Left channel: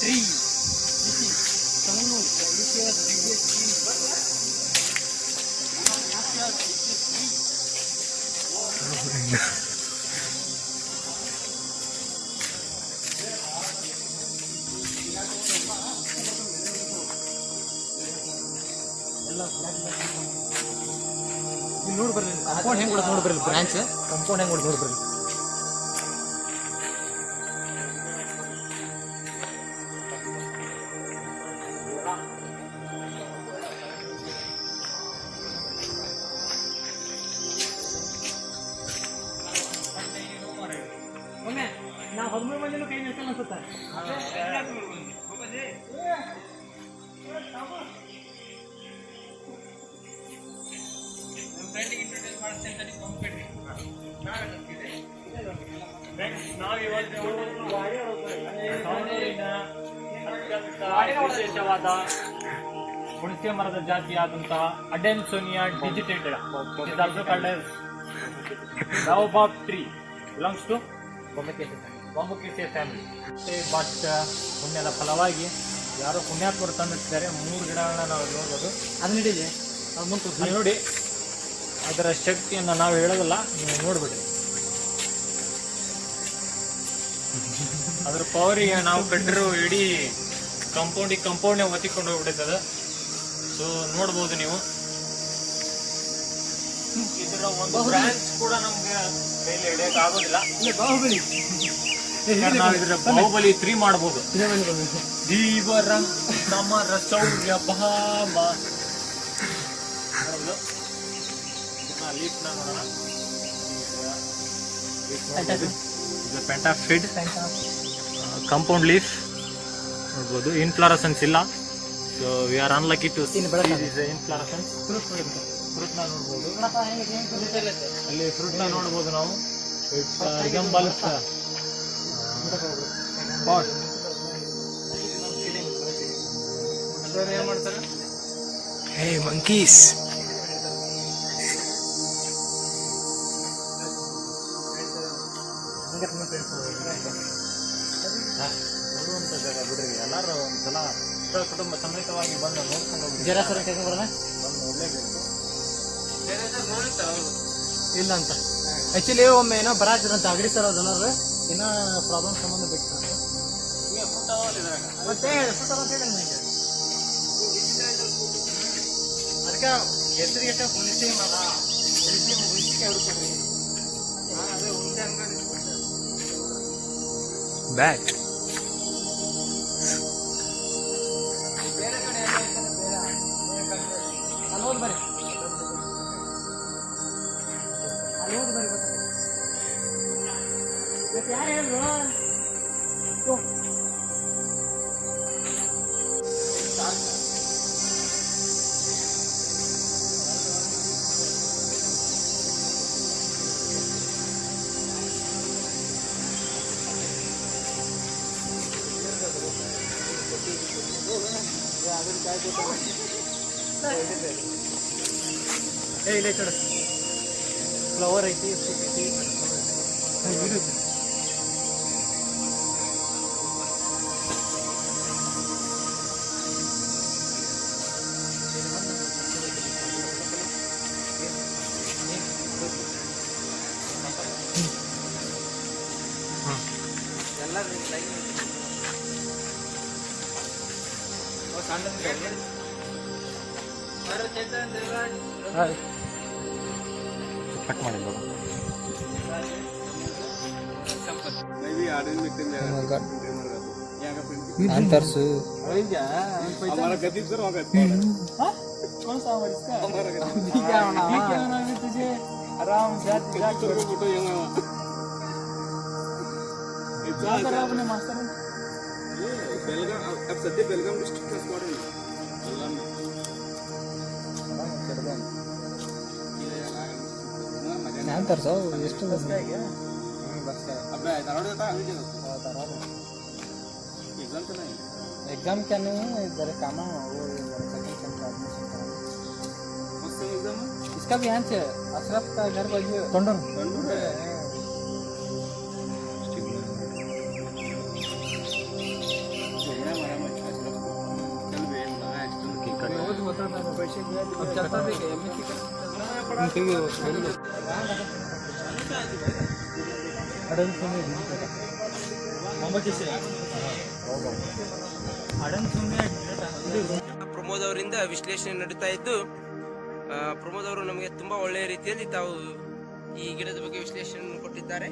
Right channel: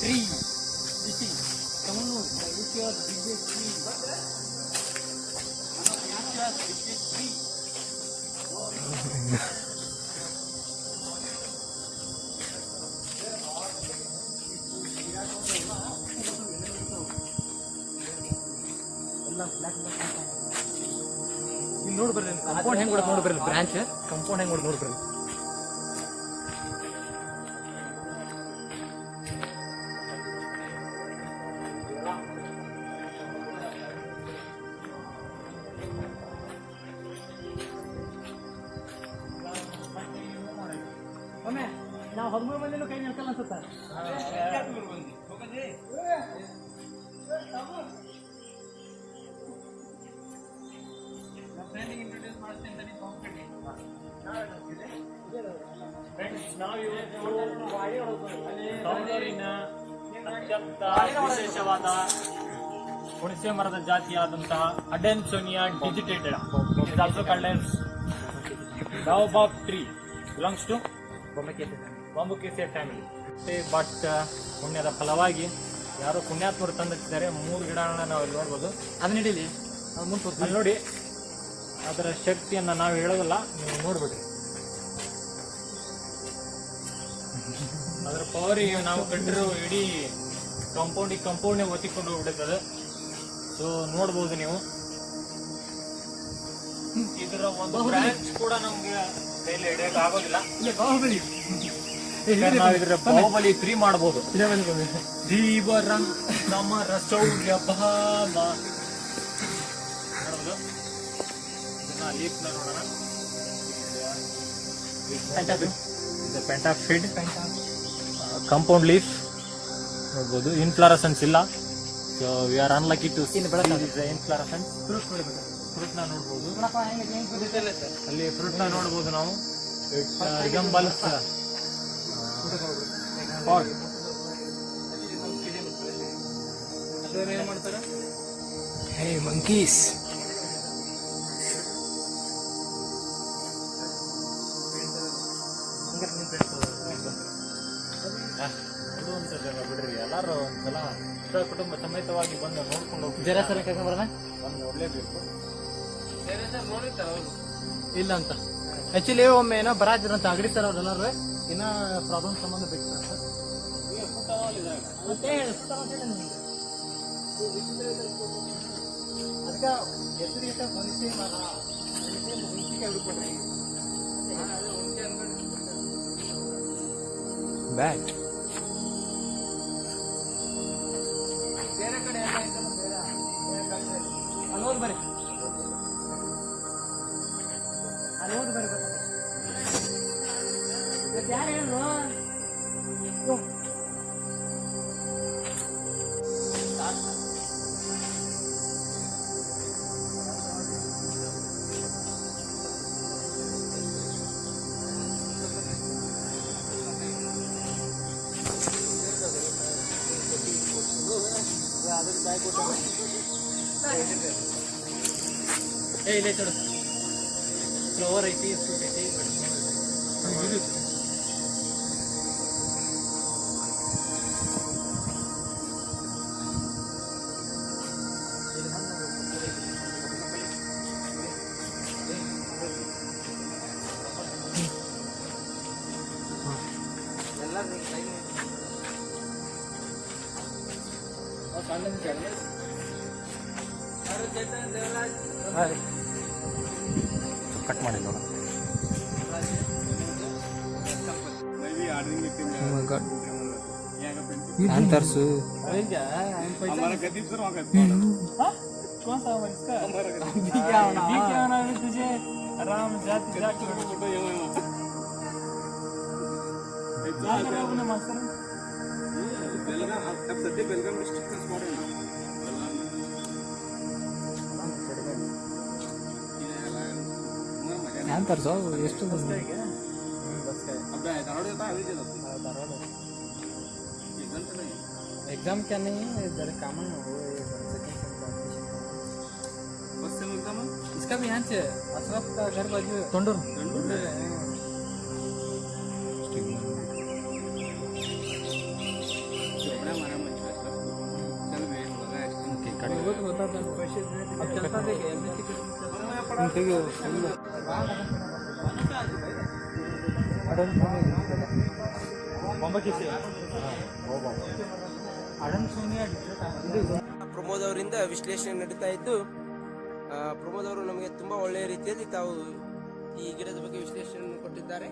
tree. This is Tanganur, Asia's biggest tree. Asia's biggest tree. ಎಲ್ಲ block ಇಲ್ಲಿ ನೋಡಿ ಬರ್ರಿ ಕಂಪೌಂಡ್ ಹೆಂಗೆ ಕೊಡೋದು ನೋಡಿ ಬರ್ರಿ ಬ್ರಾಂಚ್ ಕಂಪೌಂಡ್ ಹೆಂಗೆ ನೋಡಿ ಬರ್ರಿ ಒಮ್ಮೆ ನಾವು 13 ಮಂದಿನೂ ಕೈ ನೆಚ್ಚಲ್ಲ ಅನ್ಸುತ್ತೆ ಸೌಂದರ್ಯನ ಅತ್ಯಂತ ವಿಶೇಷವಾದ ಹುಣಸೆ ಮರದ ಜಾತಿಯಾದಂತಹ Adansonia digitated is also called as baobab tree belongs to Bombacaceae family. But ಪುಣ್ಯದ ಫಲವಾಗಿ ಯಾರೋ ಪುಣ್ಯಾತ್ಮರು ತಂದಿಟ್ಟಿದ್ದಾರೆ 3 ಗಿಡಗಳನ್ನ ನಾವು ನೋಡ್ಬೋದು. ಅದನ್ನ ಹಿಡೀಲಿ ಅಲ್ಲಿ ನೋಡಿ ಅದರ ಶಕ್ತಿಯನ್ನು ನಾವು ಹೇಳೋದಿಲ್ಲ, ನೀವು ನೋಡ್ಬಿಡ್ರಿ ಅದರ ಪವರಿಗೆ ನಾವು ಕಂಡಿರೋ ಇಡೀ ಕಂಪೌಂಡ್ನೇ ಒತ್ತಿಕೊಂಡು ಹೋಗ್ಬಿಟ್ಟಿರ್ತದೆ. ಸೊ ನೋಡ್ಬೋದು ನೀವು ಇದರ ಒಂದು ಬ್ರಾಂಚ್ ಕೂಡ ನಮ್ಗೆ ಕೈಲಿ ಹಿಡಿಯಕ್ಕೆ ಆಗೋದಿಲ್ಲ. ನಾವು ಇದರ ಬಾಹುಬಲಿ 3 ಮಾಡ್ಬೋದು. ದೀವರಂ ಸಮರ ಶೌರ್ಯ ಭಾಮ ಲೀಫ್ನ ನೋಡೋಣ. ಪೆಂಟಾಫಿಡ್ ಕಂಪೌಂಡ್ ಲೀಫ್ ನೋಡ್ಬೋದು. ಇನ್ಫ್ಲಾರಸೆನ್ಸ್ ಇಲ್ಲ. So we are unlucky to inflorescence. ಫ್ರೂಟ್ನ ನೋಡ್ಬೋದು, ಅಲ್ಲಿ ಫ್ರೂಟ್ನ ನೋಡ್ಬೋದು ನಾವು. ರಿಸಂಬಲ್ಸ್ ಏನ್ ಮಾಡ್ತಾರೆ ಹೇ ಮಂಕೀಸ್ ನೋಡುವಂತ ಜಾಗ ಬಿಡ್ರಿ. ಎಲ್ಲಾರು ಒಂದ್ಸಲ ಕುಟುಂಬ ಸಮೇತವಾಗಿ ಬಂದು ನೋಡ್ಕೊಂಡು ಹೋಗಿ ಜರ ಸರ ಕೈಗೆ ಬರೋಣ ಬಂದು ನೋಡ್ಲೇಬೇಕು. ಇಲ್ಲ ಅಂತ ಆಕ್ಚುಲಿ ಒಮ್ಮೆ ಏನೋ ಬರಾತಿರಂತ ಅಗಡಿ ಸರ್ ಅದೆಲ್ಲರೂ ಏನೋ ಪ್ರಾಬ್ಲಮ್ ಸಂಬಂಧ ಬೇಕು ಮತ್ತೆ ಅದಕ್ಕೆ ಹೆಸರಿಗೆ ಹುಣಸೆ ಮರ ಹುಣಸಿಕಾಯಿ ಹುಡುಕಿ ಬ್ಯಾಟ್ ಬೇರೆ ಕಡೆ ಅಲ್ಲೋದು ಬರ್ರಿ ಅಲ್ಲೋದು ಬರ್ರಿ ಮತ್ತೆ ಯಾರು ಹೇಳಿದ್ರು ಇಲ್ಲ ಕಡೆ ಫ್ಲವರ್ ಐತಿ ಫ್ರೂಟ್ ಐತಿ ಕಟ್ ಮಾಡಿಲ್ಲ ಅಂತರ್ಸು आराम से बेलगाम डिस्ट्रिक्ट स्पॉट यहाँ तर सौ ಎಷ್ಟು ಬಸ್ ಇದೆ ಬಸ್ अब धारवाड़ देता है अभी धारवाड़ एग्जाम क्या नहीं है इधर काम है वो सेकंड सेंटर ऑपरेशन बस से एग्जाम है इसका भी यहाँ से अशरफ का घर बाजू तंडर अब चलता देखे एमएससी ಪ್ರಮೋದ್ ಅವರಿಂದ ವಿಶ್ಲೇಷಣೆ ನಡೀತಾ ಇದ್ದು ಪ್ರಮೋದ್ ಅವರು ನಮಗೆ ತುಂಬಾ ಒಳ್ಳೆಯ ರೀತಿಯಲ್ಲಿ ತಾವು ಈ ಗಿಡದ ಬಗ್ಗೆ ವಿಶ್ಲೇಷಣೆ ಕೊಟ್ಟಿದ್ದಾರೆ.